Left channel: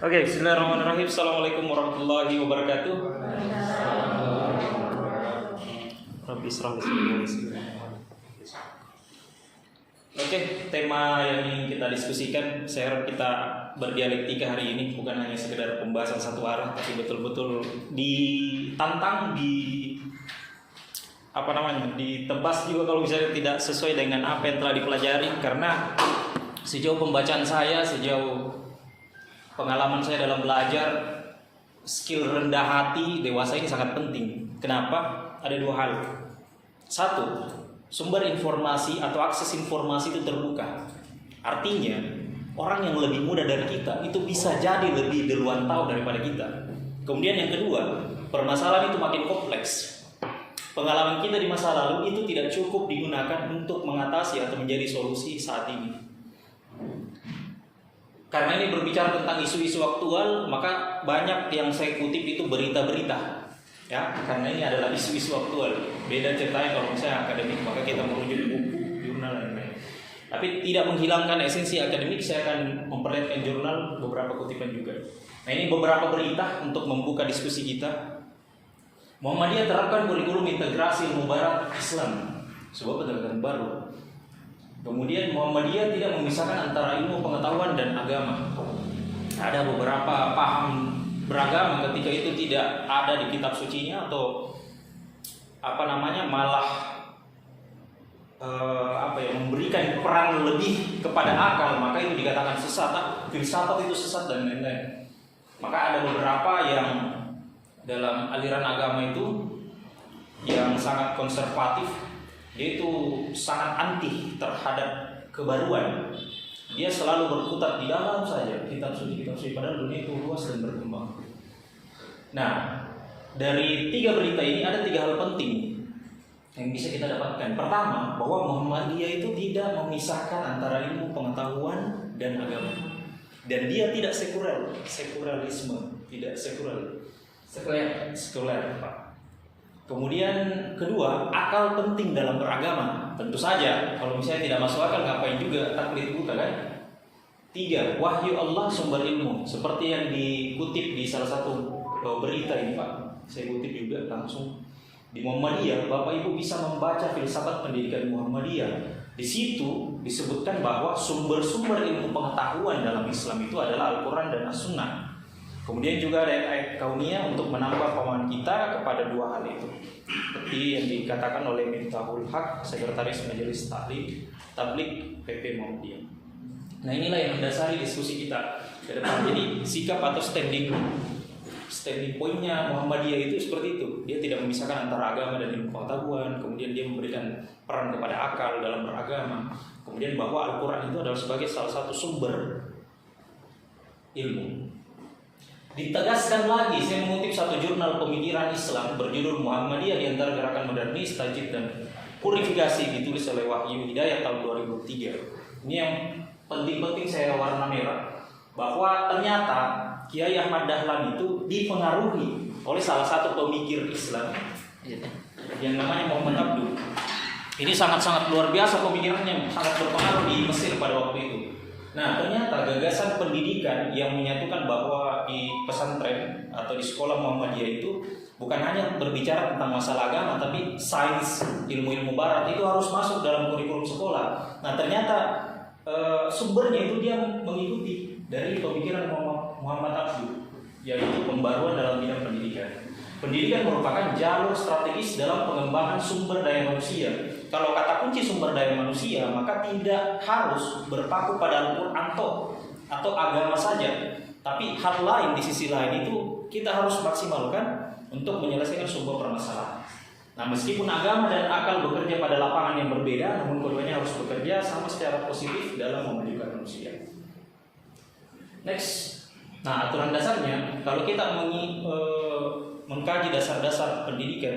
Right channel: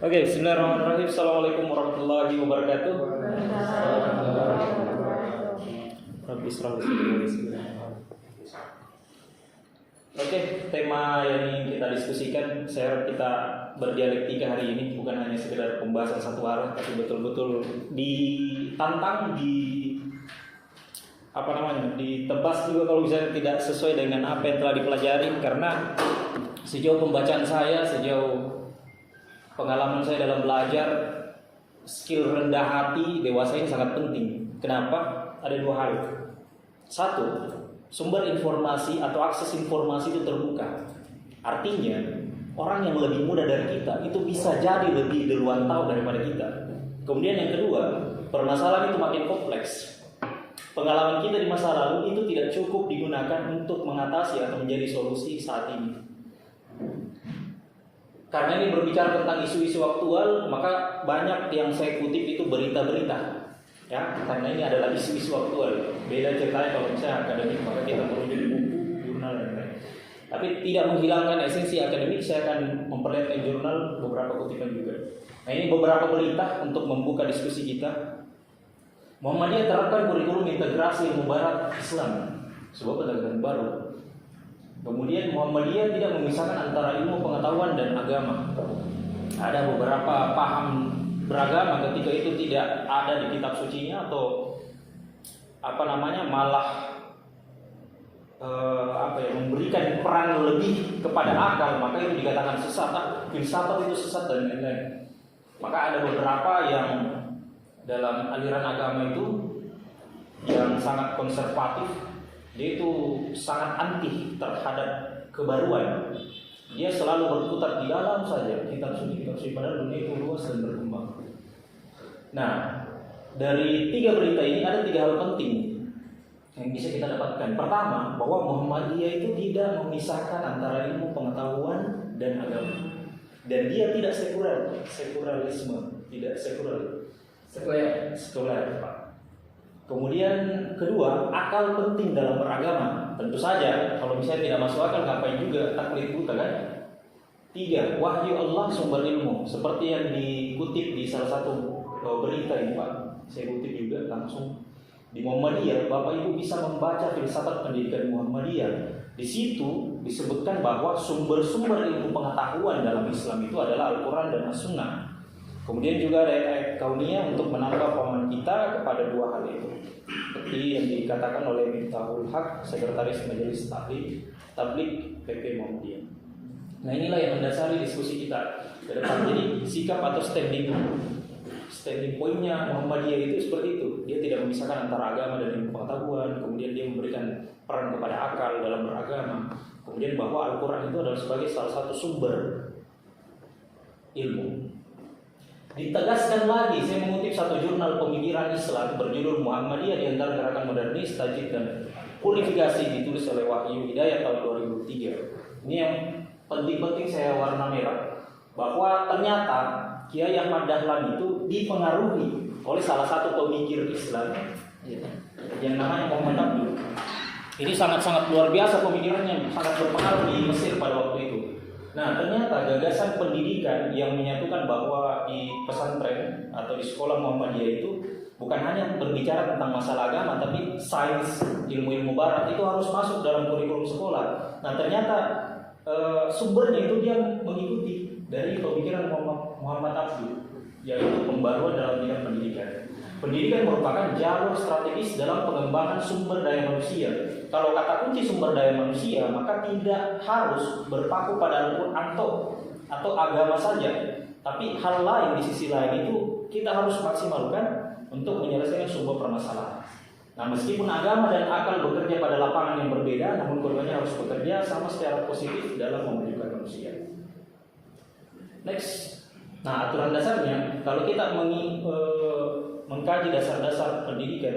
Oke, bismillahirrahmanirrahim. Assalamualaikum warahmatullahi wabarakatuh. Rabbi israh li sadri. Oke, tema yang ingin kita diskusikan, saya harap kita berdialektika hari ini, bukan hanya sekedar pembahasan satu arah, tapi betul-betul ditantang, ditebas juga kalau misalnya tidak sesuai dengan apa yang telah dipelajari. Karena sejauh pembacaan saya, sejauh pengalaman saya dalam belajar, skill rendah hati dewasa ini sangat penting. Kenapa? Ada dua hal. Satu, sumber informasi atau akses informasi itu terbuka. Artinya, orang yang lebih muda dari kita itu bisa jadi lebih duluan tahu daripada kita. Kemudian yang kedua, permasalahan itu makin kompleks. Pengalaman kita di masa lalu itu tidak cukup digunakan untuk mengatasi atau menjadi solusi saat ini. Karena ini berbicara tentang isu-isu aktual, maka banyak yang saya kutip itu berita-berita. Ya, karena ini adalah isu-isu aktual. Beda ceritanya kalau misalnya akademik, maka kita merujuk buku, jurnal dan lain-lain. Tapi tidak menghilangkan esensi akademik, saya akan memperlihatkan jurnal beberapa kutipan juga. Nah, ini beberapa berita untuk membuka diskusi kita. Muhammadiyah terapkan kurikulum integrasi ilmu barat Islam, sebuah pendekatan baru. Kemudian Muhammadiyah tidak memisahkan antara ilmu pengetahuan dan agama. Ada beberapa paham beragama ketika itu tidak ada di kitab sucinya atau malah memberikan peran lebih kepada akal, maka itu dikatakan sesat. Filsafat itu sesat dan lain-lain. Maka ada beberapa yang dalam aliran agama itu yang sangat konservatif, dia itu sangat anti terhadap kebaruan. Dia selalu berkutat di dalam saja kitab suci, padahal dunia itu luas dan berkembang. Nah, dari tiga berita ini ada tiga hal penting yang bisa kita dapatkan. Pertama, bahwa Muhammadiyah itu tidak memisahkan antara ilmu pengetahuan dan agama. Dan dia tidak sekularisme, tidak sekuler. Kemudian kedua, akal penting dalam beragama. Tentu saja, kalau misalnya tidak masuk akal, ngapain juga taklid buta kan? Tiga, wahyu Allah sumber ilmu. Seperti yang dikutip di salah satu berita ini Pak, saya kutip juga langsung di Muhammadiyah. Bapak Ibu bisa membaca filsafat pendidikan Muhammadiyah. Di situ disebutkan bahwa sumber-sumber ilmu pengetahuan dalam Islam itu adalah Al-Quran dan As-Sunnah. Kemudian juga ada ayat kauniyah untuk menambah pemahaman kita kepada dua hal itu. Seperti yang dikatakan oleh Miftahul Haq, Sekretaris Majelis Tabligh PP Muhammadiyah. Nah, inilah yang mendasari diskusi kita ke depan. Jadi sikap atau standing pointnya Muhammadiyah itu seperti itu. Dia tidak memisahkan antara agama dan ilmu pengetahuan. Kemudian dia memberikan peran kepada akal dalam beragama. Kemudian bahwa Al-Quran itu adalah sebagai salah satu sumber ilmu. Ditegaskan lagi, saya mengutip satu jurnal pemikiran Islam berjudul Muhammadiyah di antara gerakan modernis, tajdid dan purifikasi, ditulis oleh Wahyu Hidayat tahun 2003. Ini yang penting-penting saya warna merah, bahwa ternyata Kiai Ahmad Dahlan itu dipengaruhi oleh salah satu pemikir Islam yang namanya Muhammad Abduh. Ini sangat-sangat luar biasa pemikirannya, sangat berpengaruh di Mesir pada waktu itu. Nah, ternyata gagasan pendidikan yang menyatukan bahwa di pesantren atau di sekolah Muhammadiyah itu bukan hanya berbicara tentang masalah agama, tapi sains, ilmu-ilmu barat itu harus masuk dalam kurikulum sekolah. Nah, ternyata sumbernya itu dia mengikuti dari pemikiran Muhammad Abduh, yaitu pembaruan dalam bidang pendidikan. Pendidikan merupakan jalur strategis dalam pengembangan sumber daya manusia. Kalau kata kunci sumber daya manusia, maka tidak harus berpaku pada Al-Quran atau agama saja. Tapi hal lain di sisi lain itu kita harus maksimalkan untuk menyelesaikan sumber permasalahan. Nah, meskipun agama dan akal bekerja pada lapangan yang berbeda, namun keduanya harus bekerja sama secara positif dalam memajukan manusia. Next. Nah, aturan dasarnya, kalau kita mengkaji dasar-dasar pendidikan,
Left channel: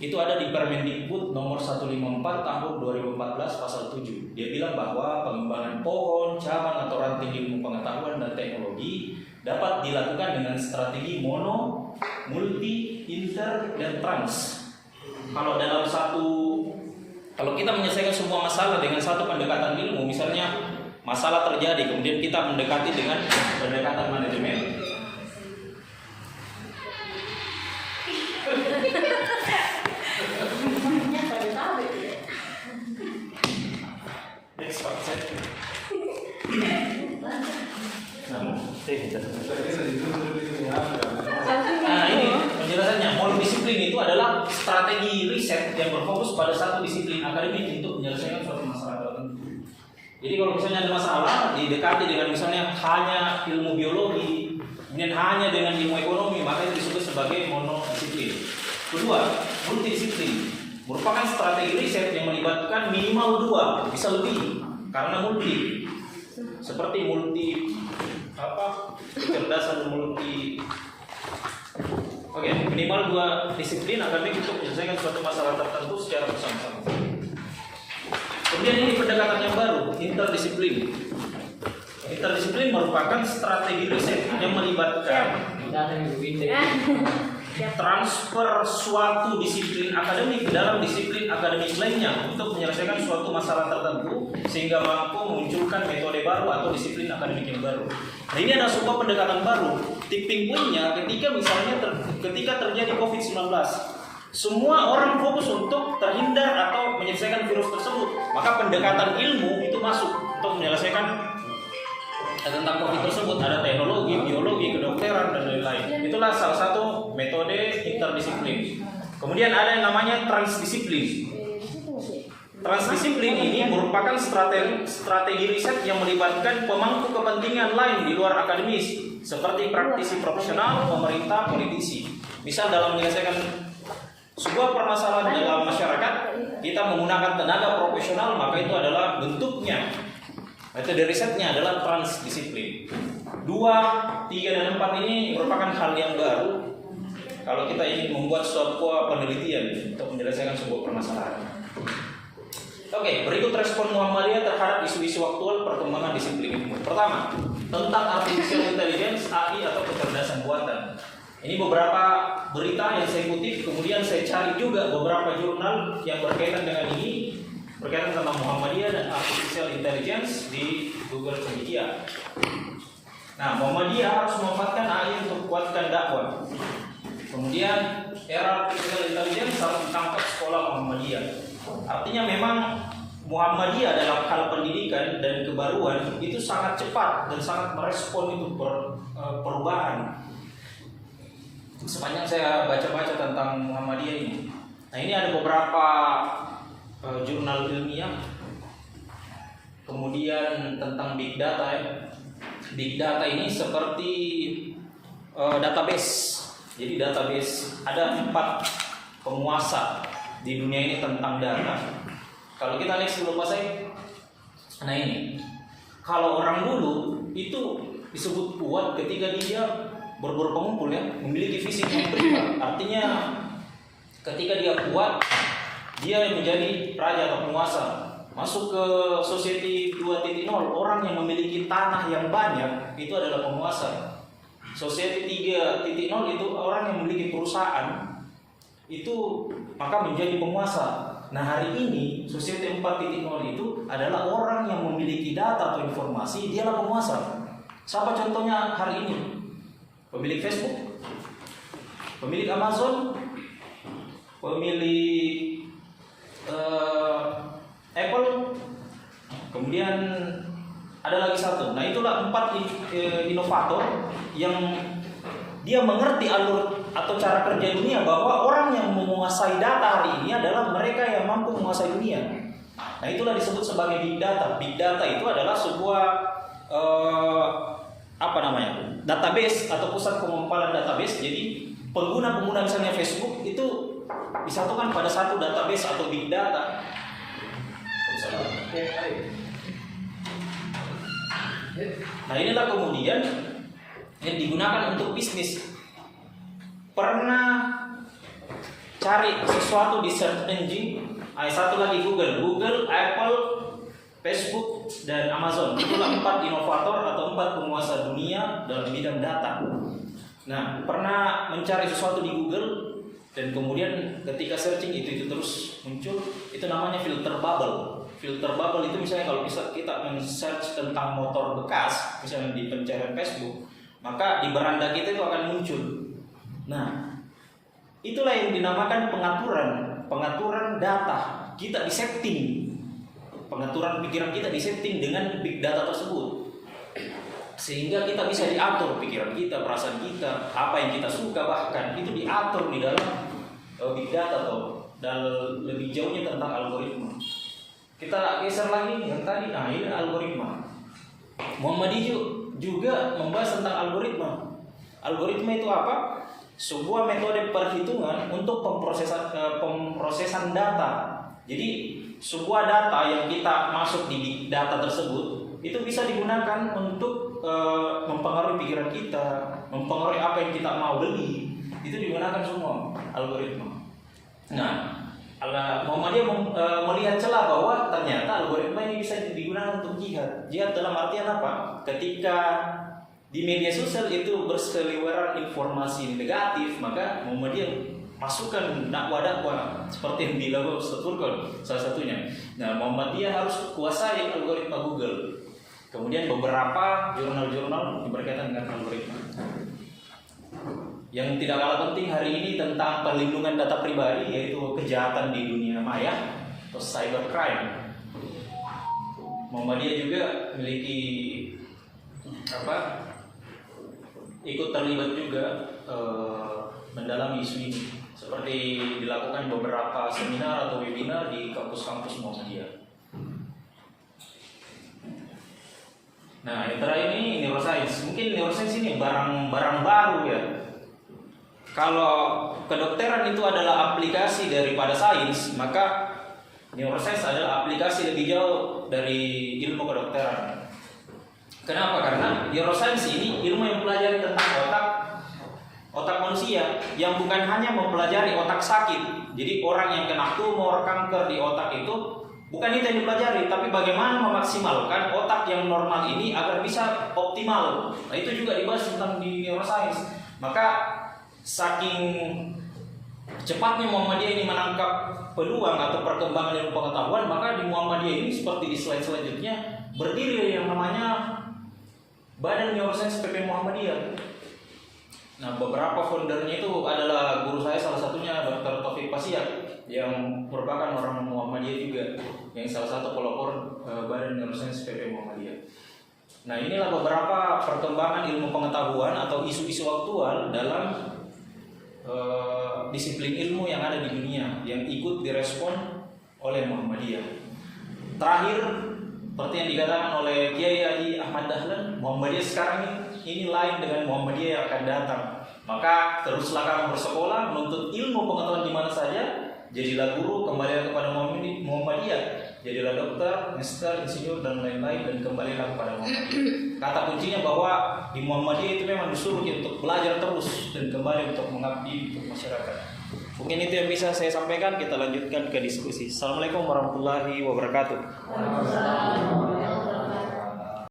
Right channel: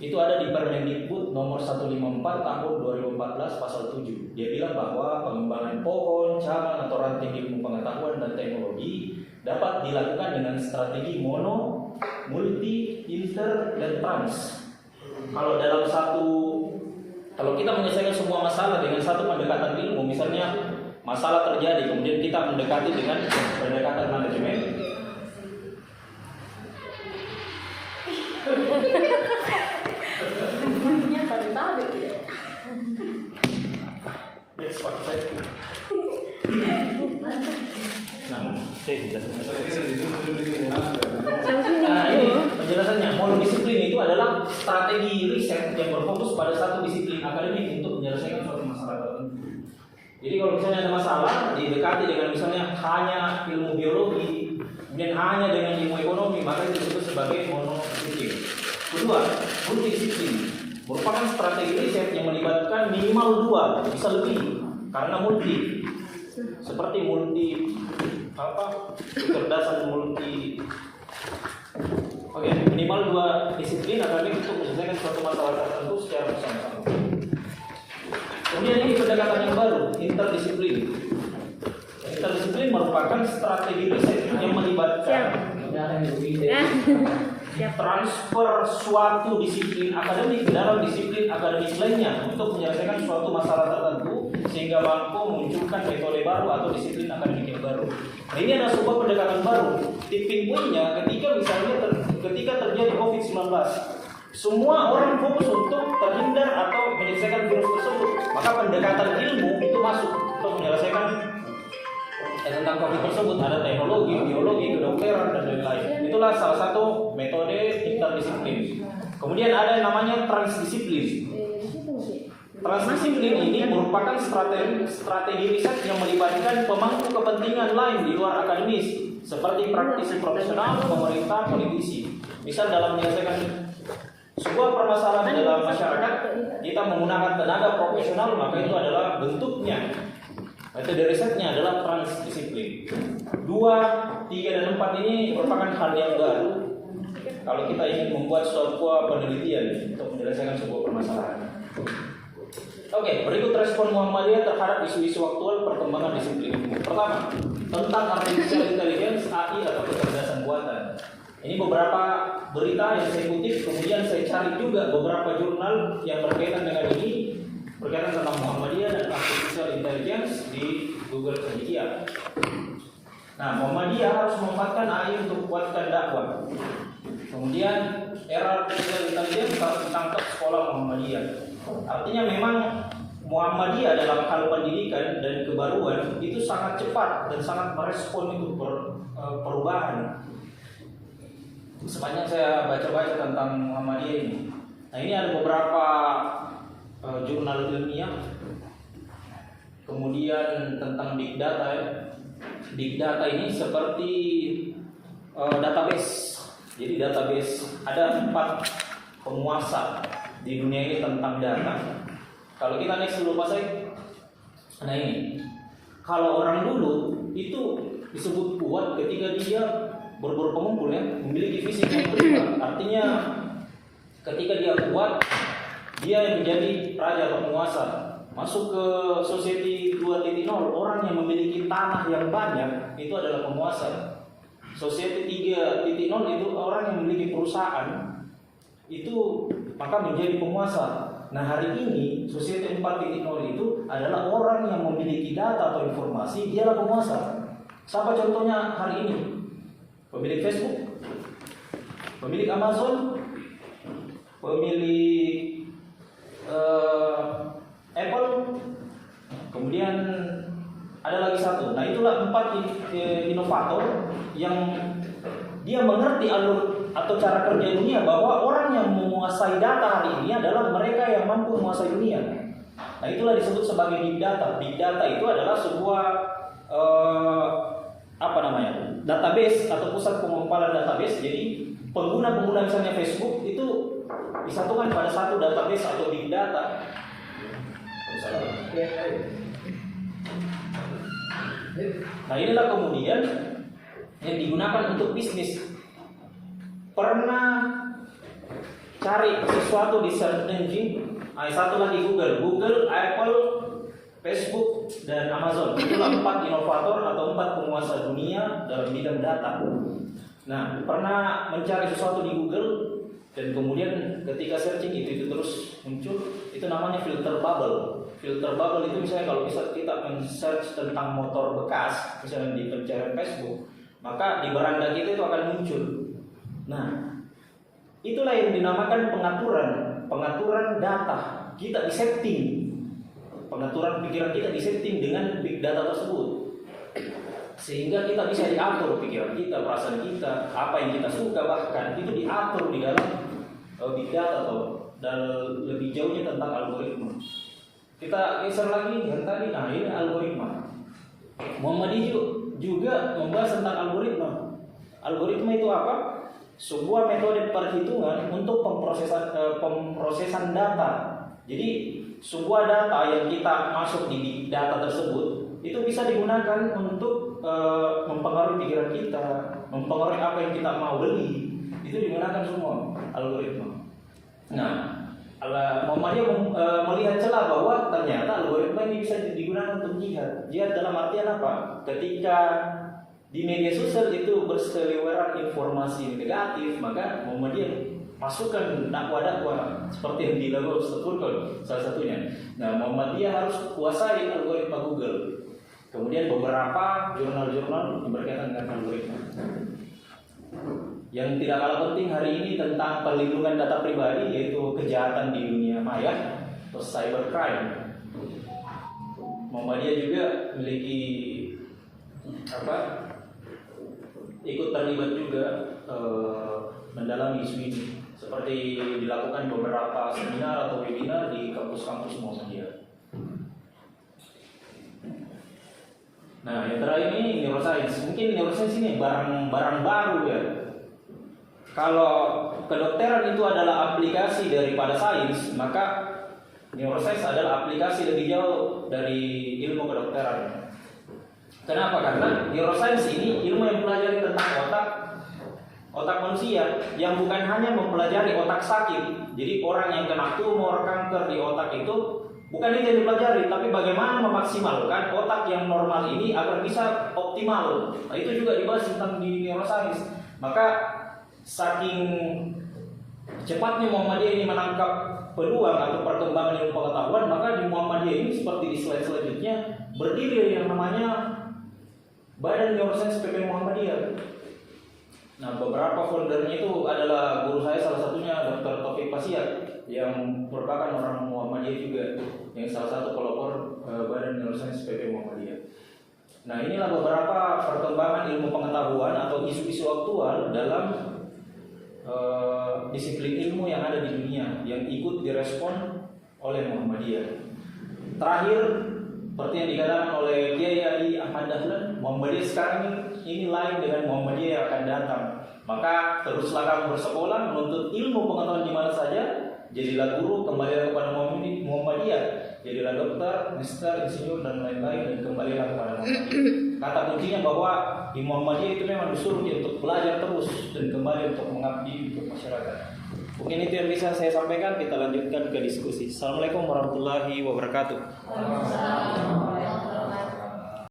itu ada di Permendikbud nomor 154 tahun 2014 pasal 7. Dia bilang bahwa pengembangan pohon, cabang atau ranting ilmu pengetahuan dan teknologi dapat dilakukan dengan strategi mono, multi, inter, dan trans. Kalau kita menyelesaikan semua masalah dengan satu pendekatan ilmu, misalnya masalah terjadi, kemudian kita mendekati dengan pendekatan Nah, ini penjelasannya. Multidisiplin itu adalah strategi riset yang berfokus pada satu disiplin akademik untuk menyelesaikan suatu masalah tertentu. Jadi kalau misalnya ada masalah, didekati dengan misalnya hanya ilmu biologi, kemudian hanya dengan ilmu ekonomi, maka itu disebut sebagai monodisiplin. Kedua, multidisiplin merupakan strategi riset yang melibatkan minimal 2, bisa lebih, karena multi. Seperti multi kecerdasan multi. Oke, minimal 2 disiplin akademik untuk menyelesaikan suatu masalah tertentu secara bersama-sama. Kemudian ini pendekatan yang baru, interdisiplin. Interdisiplin merupakan strategi riset yang melibatkan transfer suatu disiplin akademik ke dalam disiplin akademik lainnya untuk menyelesaikan suatu masalah tertentu sehingga mampu memunculkan metode baru atau disiplin akademik yang baru. Nah, ini ada sebuah pendekatan baru. Tipping point-nya ketika misalnya ketika terjadi COVID-19, semua orang fokus untuk terhindar atau menyelesaikan virus tersebut, maka pendekatan ilmu itu masuk untuk menyelesaikan tentang COVID tersebut. Ada teknologi, biologi, kedokteran, dan lain-lain. Itulah salah satu metode interdisiplin. Kemudian ada yang namanya transdisiplin. Transdisiplin ini merupakan strategi riset yang melibatkan pemangku kepentingan lain di luar akademis, seperti praktisi profesional, pemerintah, politisi. Misal dalam menyelesaikan sebuah permasalahan dalam masyarakat, kita menggunakan tenaga profesional, maka itu adalah bentuknya. Metode risetnya adalah transdisiplin. 2, 3, dan 4 ini merupakan hal yang baru kalau kita ingin membuat sebuah penelitian untuk menyelesaikan sebuah permasalahan. Oke, berikut respon Muhammadiyah terhadap isu-isu aktual perkembangan disiplin ilmu. Pertama, tentang artificial intelligence (AI) atau kecerdasan buatan. Ini beberapa berita yang saya kutip, kemudian saya cari juga beberapa jurnal yang berkaitan dengan ini, berkaitan tentang Muhammadiyah dan artificial intelligence di Google Cendekia. Nah, Muhammadiyah harus memanfaatkan AI untuk kuatkan dakwah. Kemudian era artificial intelligence harus ditangkap sekolah Muhammadiyah. Artinya memang Muhammadiyah dalam hal pendidikan dan kebaruan itu sangat cepat dan sangat merespon itu perubahan. Sepanjang saya baca-baca tentang Muhammadiyah ini. Nah, ini ada beberapa jurnal ilmiah. Kemudian tentang big data ya. Big data ini seperti database. Jadi database ada 4 penguasa di dunia ini tentang data. Kalau kita next dulu Pak saya. Nah ini, kalau orang dulu itu disebut kuat ketika dia berburu pengumpul ya, memiliki fisik yang prima. Artinya ketika dia kuat, dia menjadi raja atau penguasa. Masuk ke society 2.0, orang yang memiliki tanah yang banyak itu adalah penguasa. Society 3.0 itu orang yang memiliki perusahaan itu maka menjadi penguasa. Nah hari ini society 4.0 itu adalah orang yang memiliki data atau informasi, dia adalah penguasa. Siapa contohnya hari ini? Pemilik Facebook, pemilik Amazon, pemilik Apple, kemudian ada lagi satu. Nah itulah 4 inovator yang dia mengerti alur atau cara kerja dunia, bahwa orang yang menguasai data hari ini adalah mereka yang mampu menguasai dunia. Nah itulah disebut sebagai big data. Big data itu adalah sebuah database atau pusat pengumpalan database. Jadi pengguna-pengguna misalnya Facebook itu disatukan pada satu database atau big data. Nah inilah kemudian yang digunakan untuk bisnis. Pernah cari sesuatu di search engine, satu lagi Google, Apple, Facebook, dan Amazon. Itulah 4 inovator atau 4 penguasa dunia dalam bidang data. Nah, pernah mencari sesuatu di Google dan kemudian ketika searching itu terus muncul, itu namanya filter bubble. Filter bubble itu misalnya kalau bisa kita men-search tentang motor bekas, misalnya di pencarian Facebook, maka di beranda kita itu akan muncul. Nah, itulah yang dinamakan pengaturan data. Kita disetting, pengaturan pikiran kita disetting dengan big data tersebut. sehingga kita bisa diatur pikiran kita, perasaan kita, apa yang kita suka, bahkan itu diatur di dalam big data atau dan lebih jauhnya tentang algoritma. Kita geser lagi yang tadi, nah ini algoritma. Muhammadiyah juga membahas tentang algoritma. Algoritma itu apa? Sebuah metode perhitungan untuk pemrosesan data. Jadi sebuah data yang kita masuk di big data tersebut itu bisa digunakan untuk mempengaruhi pikiran kita, mempengaruhi apa yang kita mau beli. Itu digunakan semua algoritma. Nah, Muhammadiyah melihat celah bahwa ternyata algoritma ini bisa digunakan untuk jihad. Jihad dalam artian apa? Ketika di media sosial itu berseliweran informasi negatif, maka Muhammadiyah masukkan dakwah-dakwah seperti yang dilakukan Ustaz Furqan salah satunya. Nah, Muhammadiyah harus kuasai algoritma Google. Kemudian beberapa jurnal-jurnal yang berkaitan dengan algoritma. Yang tidak kalah penting hari ini tentang perlindungan data pribadi, yaitu kejahatan di dunia maya atau cybercrime. Muhammadiyah juga memiliki ikut terlibat juga mendalami isu ini, seperti dilakukan beberapa seminar atau webinar di kampus-kampus Muhammadiyah. Nah, yang terakhir ini neuroscience. Mungkin neuroscience ini barang baru ya. Kalau kedokteran itu adalah aplikasi daripada sains, maka neuroscience adalah aplikasi lebih jauh dari ilmu kedokteran. Kenapa? Karena neuroscience ini ilmu yang mempelajari tentang otak manusia, yang bukan hanya mempelajari otak sakit. Jadi orang yang kena tumor, kanker di otak itu bukan itu yang dipelajari, tapi bagaimana memaksimalkan otak yang normal ini agar bisa optimal. Nah, itu juga dibahas tentang di neuroscience. Maka saking cepatnya Muhammadiyah ini menangkap peluang atau perkembangan ilmu pengetahuan, maka di Muhammadiyah ini seperti di slide selanjutnya berdiri yang namanya Badan Neuroscience PP Muhammadiyah. Nah, beberapa foundernya itu adalah guru saya, salah satunya Dr. Taufik Pasiak, yang merupakan orang Muhammadiyah juga, yang salah satu pelopor Badan Neuroscience PP Muhammadiyah. Nah, inilah beberapa perkembangan ilmu pengetahuan atau isu-isu aktual dalam disiplin ilmu yang ada di dunia yang ikut direspon oleh Muhammadiyah. Terakhir, seperti yang dikatakan oleh Kiai Haji Ahmad Dahlan, Muhammadiyah sekarang ini lain dengan Muhammadiyah yang akan datang. Maka teruslah kamu bersekolah, menuntut ilmu pengetahuan di mana saja, jadilah guru, kembalilah kepada Muhammadiyah, jadilah dokter, magister, insinyur dan lain-lain, dan kembalilah kepada Muhammadiyah. Kata kuncinya bahwa di Muhammadiyah itu memang disuruh untuk belajar terus dan kembali untuk mengabdi untuk masyarakat. Mungkin itu yang bisa saya sampaikan. Kita lanjutkan ke diskusi. Assalamualaikum warahmatullahi wabarakatuh.